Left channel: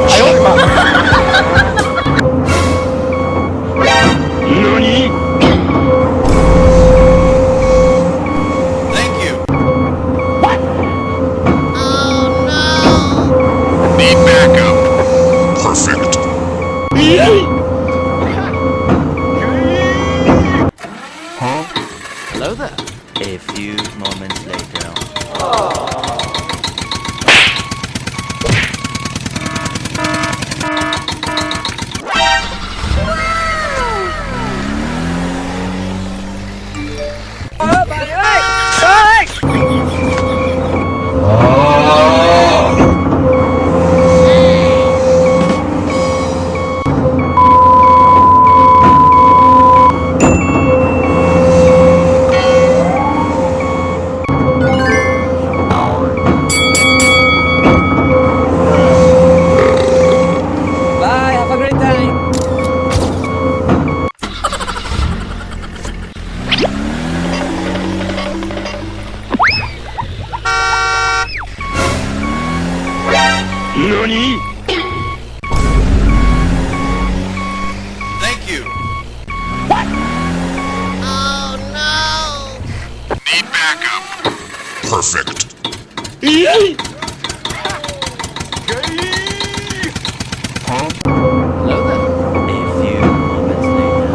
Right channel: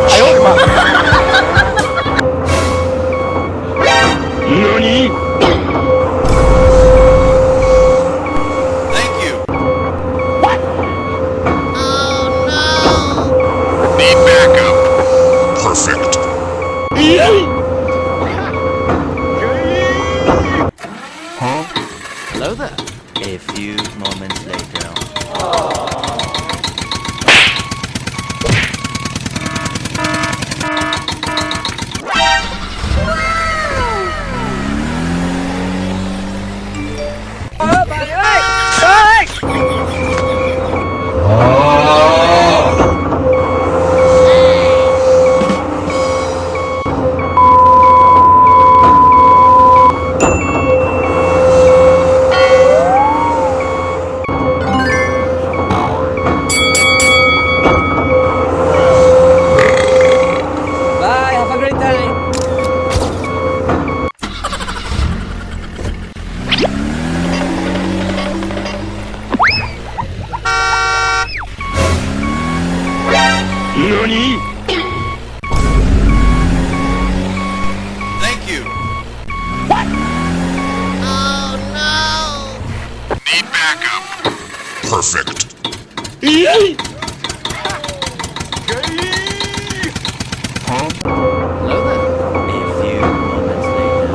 哎呦我的妈！NANI? Thank you. What? Oh no! Need backup. Perfect. Huh? Hello there. A few moments later. Bye, have a great time. NANI? Thank you. What? Oh no! Need backup. Perfect. Huh? Hello there. A few moments later.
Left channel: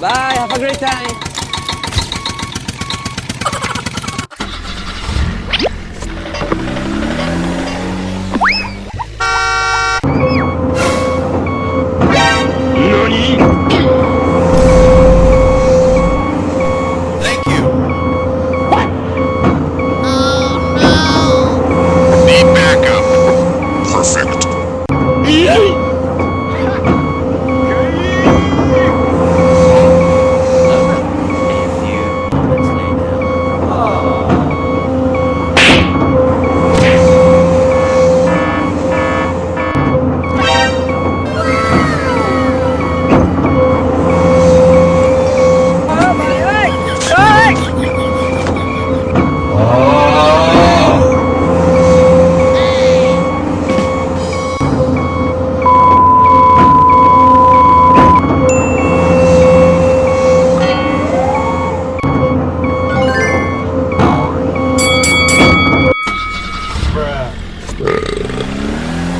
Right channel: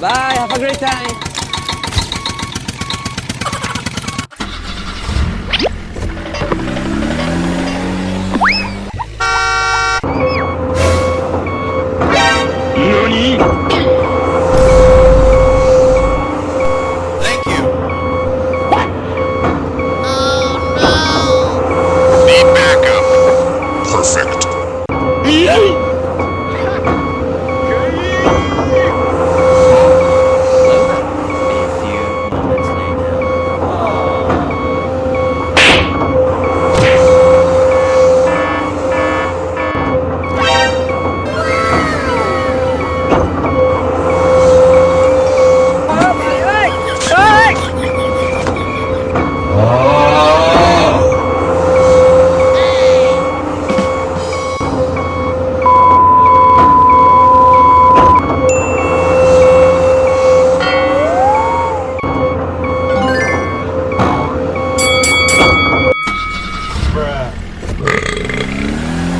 Bye, have a great time. NANI? Thank you. What? Oh no! Need backup. Perfect. Huh? Hello there. A few moments later.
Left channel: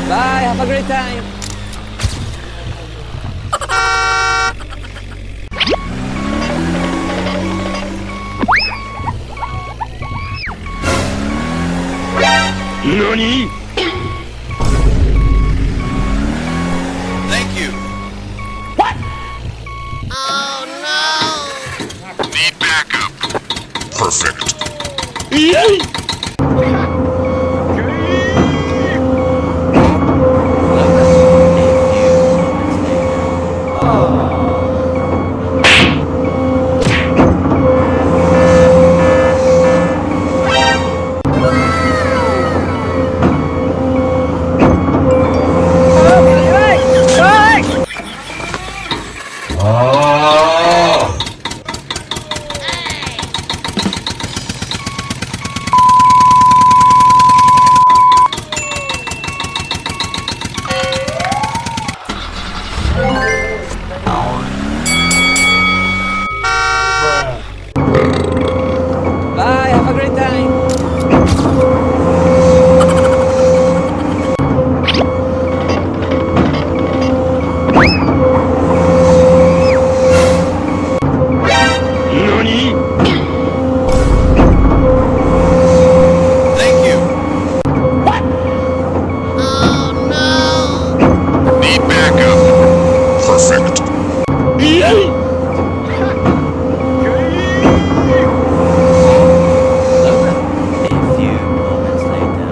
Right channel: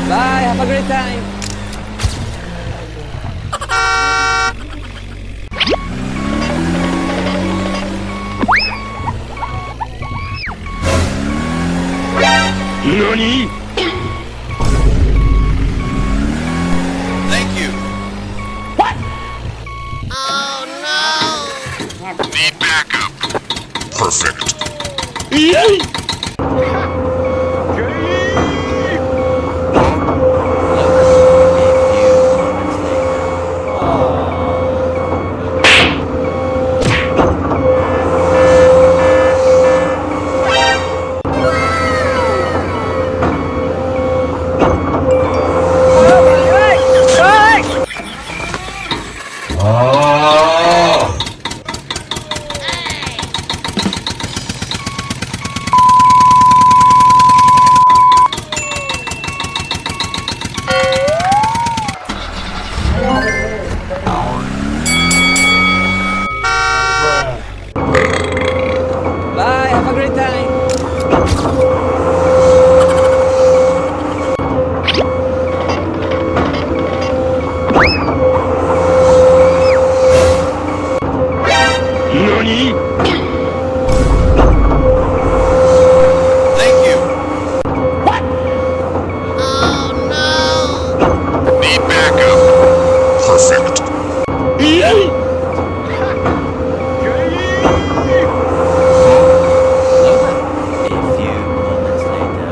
Bye, have a great time. NANI? Thank you. What? Oh no! Need backup. Perfect. Huh? Hello there. A few moments later. Bye, have a great time. NANI? Thank you. What? Oh no! Need backup. Perfect. Hello there. A few moments later.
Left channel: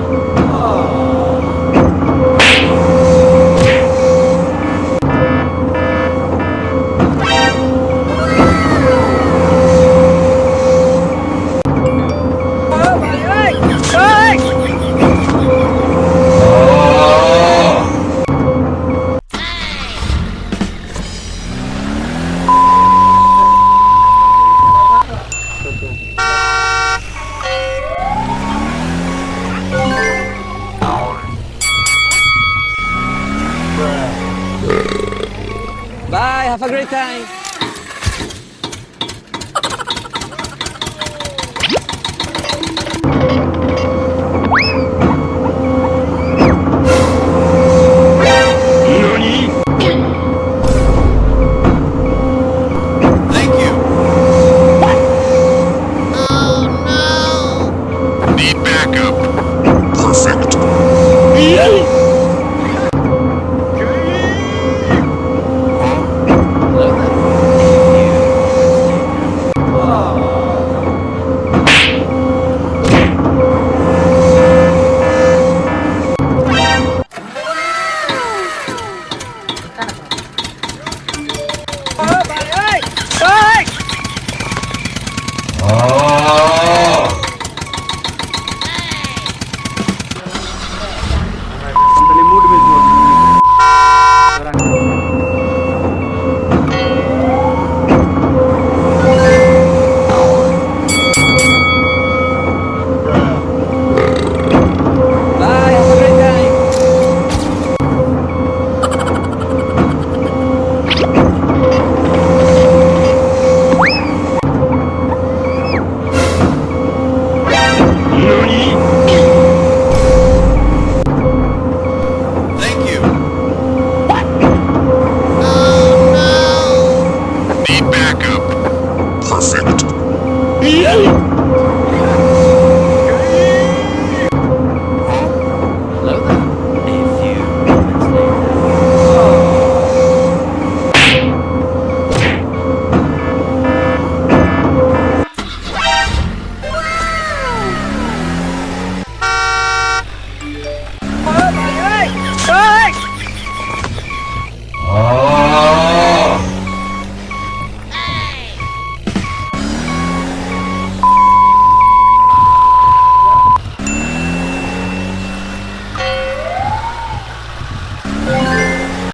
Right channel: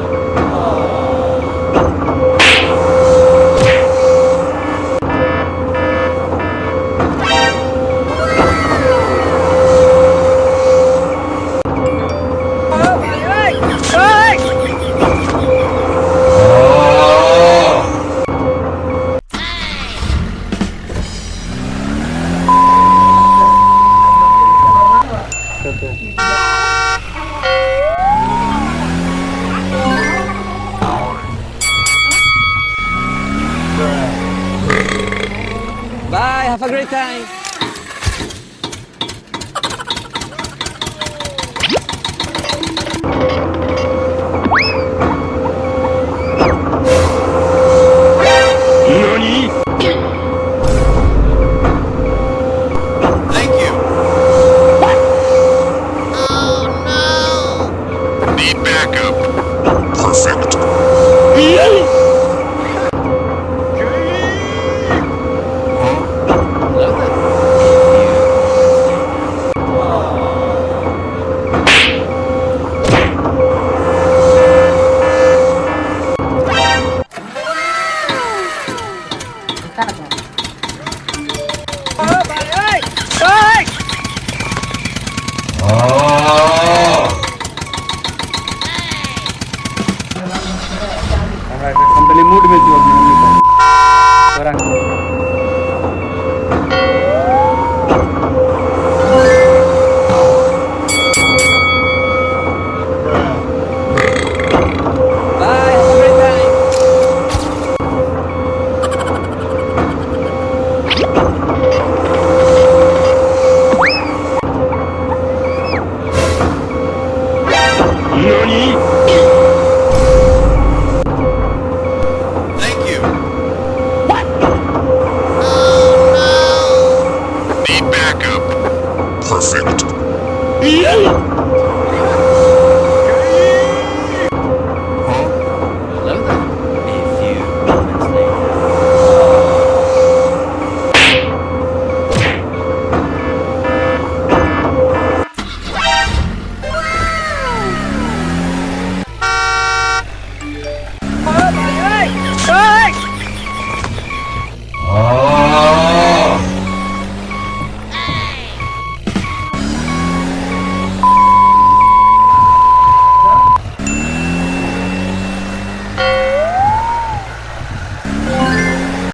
Bye, have a great time. Thank you. Oh no! Need backup. Perfect. Hello there. A few moments later. Company mood में जो Bye, have a great time. Thank you. Oh no! Need backup. Perfect.